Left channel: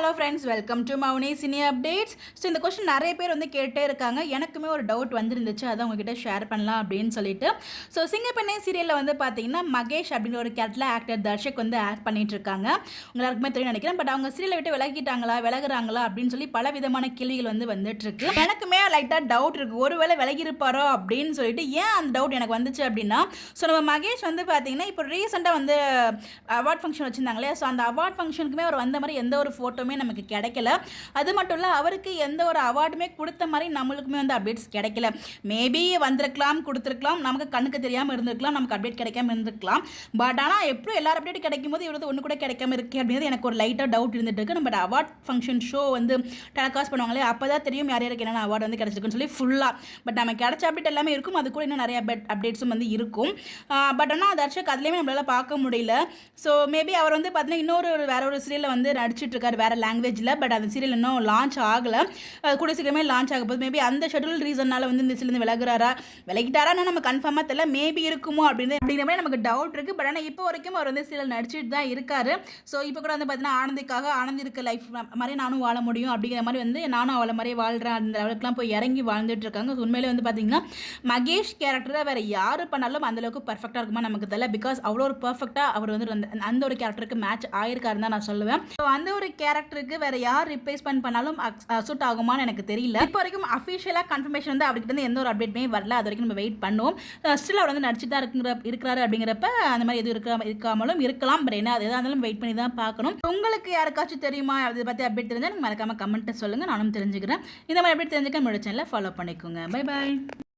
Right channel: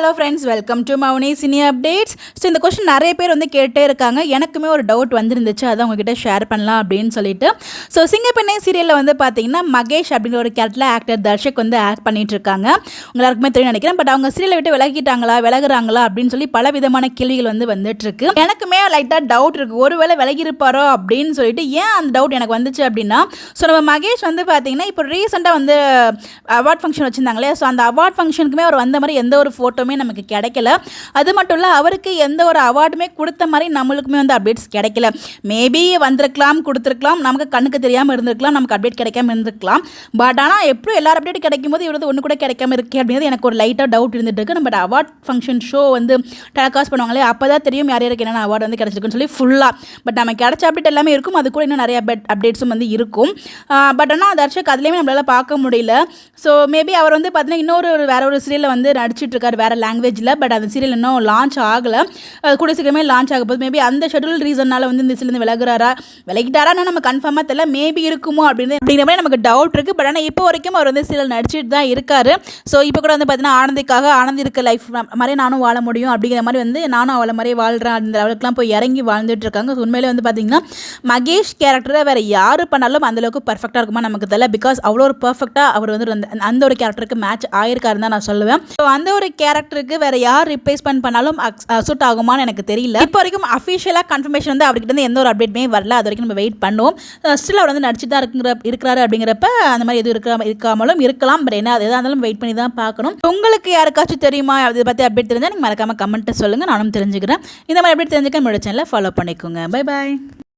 Hello friends, welcome to Mouni cine updates. So இந்த question நிறைய பேர் வந்து கேட்டே இருக்காங்க. எனக்குமே ஒரு டவுட் வந்துருந்துச்சு, அதான் உங்ககிட்ட ஷேர் பண்ணலாம் அப்படின்னு சொல்லிட்டு. ஸோ சிங்கப்பெண்ணை சீரியலில் வந்து பார்த்தீங்கன்னா மகேஷ் அப்படின்ற ஒரு கேரக்டரில் ஆக்டர் தர்ஷக் வந்து ஆக்ட் பண்ணிட்டு இருக்காங்க. எல்லாருக்குமே தெரியும் நினைக்கிறேன். பட் அவங்க சீரியலை விட்டு விலகுறாங்களா அப்படின்னு சொல்லி பல விதமான கேள்விகள் வந்து வந்துட்டு இருக்கு. எனக்குமே லைட்டாக டவுட் இருக்கு, ஒருவேளை விலகிருப்பாரோ அப்படின்னு சொல்லிட்டு. ஏன் அந்த டவுட் எனக்கு வந்துச்சு அப்படின்னா, ஸோ நம்ம மகேஷ் வந்து பார்த்தீங்கன்னா இப்போ ரீசெண்டாக வந்து அவார்ட் ஃபங்க்ஷன் வச்சுருந்தாங்களே, ஸோ அந்த அவார்ட் ஃபங்க்ஷனுக்குமே அவர் வந்த மாதிரி எந்த ஒரு ஃபோட்டோமே நமக்கு கிடைக்கல. அது மட்டும் இல்லை, அவருக்கு எந்த ஒரு அவார்டுமே கொடுத்த மாதிரி நம்மளுக்குமே வந்து அப்டேட்ஸ் கிடைக்கல. மேபி வந்திருக்கலாம், கொடுத்துருக்கலாம், நமக்கு கண்ணுக்கு தெரியாமல் இருந்திருக்கலாம், நமக்கு அப்டேட் கிடைக்காம இருந்திருக்கலாம். பட் ஆனால் எப்படியும் எல்லாரும் அப்டேட் கிடைக்கும் போது இவரது ஒன்று கூட கிடைக்காம இருக்கே அப்படிங்கிறது எனக்கு ஒரு லைட்டாக டவுட் இருந்துட்டு இருக்கு. நம்ம அவார்ட் ஃபங்க்ஷன் ஷோ வந்து டெலிகாஸ்ட் பண்ணுவாங்களே, அப்போ தான் தெரியும் யார் யாருக்கு என்னென்ன அவார்டு வந்து கிடச்சிருக்குன்னு சொல்லி ஃபுல்லாக. பட் நம்ம கிடைச்ச அப்டேட் எல்லாமே இருக்கும், அது கூட இன்னும் நிறைய அப்டேட்ஸும் வந்து இருக்கும். பட் ஆனால் தர்ஷக் அதுலேயுமே நம்மளால் பார்க்க முடியல. ஸோ மேபி அவர் வந்து பார்த்தீங்கன்னா வேற ஒரு சீரியலில் வந்து நடிச்சிட்டு இருக்காரு, வேறு லாங்குவேஜில். பட் அந்த சீரியல் இன்னும் லான்ச் ஆகலை, கூட சீக்கிரமே லான்ச் ஆக போகுது. மேபி அந்த ஷெட்யூல் ரீசனால் வந்து இந்த சீரியல் விலகிட்டாரான்னு நம்ம கன்ஃபார்மாக தெரியல. மேபி இருக்குமோ அப்படிங்கிற மாதிரி நமக்கு டவுட் இருக்குது. பட் ஆனால் இப்போ வரைக்கும் அவர் வந்து சீரியல் நடிச்சிட்டு தான் இருக்காரு. ஸோ இப்போ கூட வந்து பார்த்தீங்கன்னா ஆனந்த் இருக்க லைஃப் மாதிரி நானும் வாழ முடியும் அப்படிங்கிற மாதிரி வந்து நானும் அவளை மாதிரி வாழ்கிறேன் அந்த லெவலுக்குலாம் போய் இறங்கி வாழ்ந்துட்டு இருக்காங்க. ஸோ உண்மையிலே வந்து பார்த்தீங்கன்னா மகேஷ் கேரக்டரை வேறு யார் பண்ணாலும் அந்தளவுக்கு பர்ஃபெக்டாக இருக்குமா நமக்கு தெரியல. பிகாஸ் அவ்வளோ ஒரு பர்ஃபெக்டாக அவர் வந்து அந்த ஒரு கேரக்டருக்கு மேட்ச் ஆயிருக்காருன்னு தான் நான் சொல்லுவேன். ஸோ அந்த ஒரு கேரக்டருக்கு வேறு யார் ரிப்ளேஸ்மெண்ட் பண்ணாலும் சூட் ஆகுமான்னு எனக்கு தெரியல. இப்போ வரைக்கும் அஃபிஷியலாக கன்ஃபர்மேஷன் வந்து அவர்கிட்ட இருந்து எந்த ஒரு அப்டேட்டுமே வரல. அது வரைக்கும் நம்ம வெயிட் பண்ணுவோம். ஸ்டில் அவர் வந்து நடிச்சுட்டு தான் இருக்கிறாரு அப்படிங்கிறப்ப அந்த மாதிரி எதுவும் இருக்காமலும் இருக்கலாம். பட் என்ன எதாக இருந்தாலும் வெயிட் பண்ணி தான் பார்க்கணும். உங்களுக்கு யாருக்காச்சும் தெரியுமா அதை பற்றி அப்டேட் தெரிஞ்சால் நீங்கள் மறக்காமல் கமெண்ட்டை சொல்லுங்கள், நானும் தெரிஞ்சுக்கிறேன். இந்த மாதிரி அப்டேட் தெரிஞ்சுக்க என்னோட சேனலை ஃபாலோ பண்ணிக்கோங்க. Bye bye.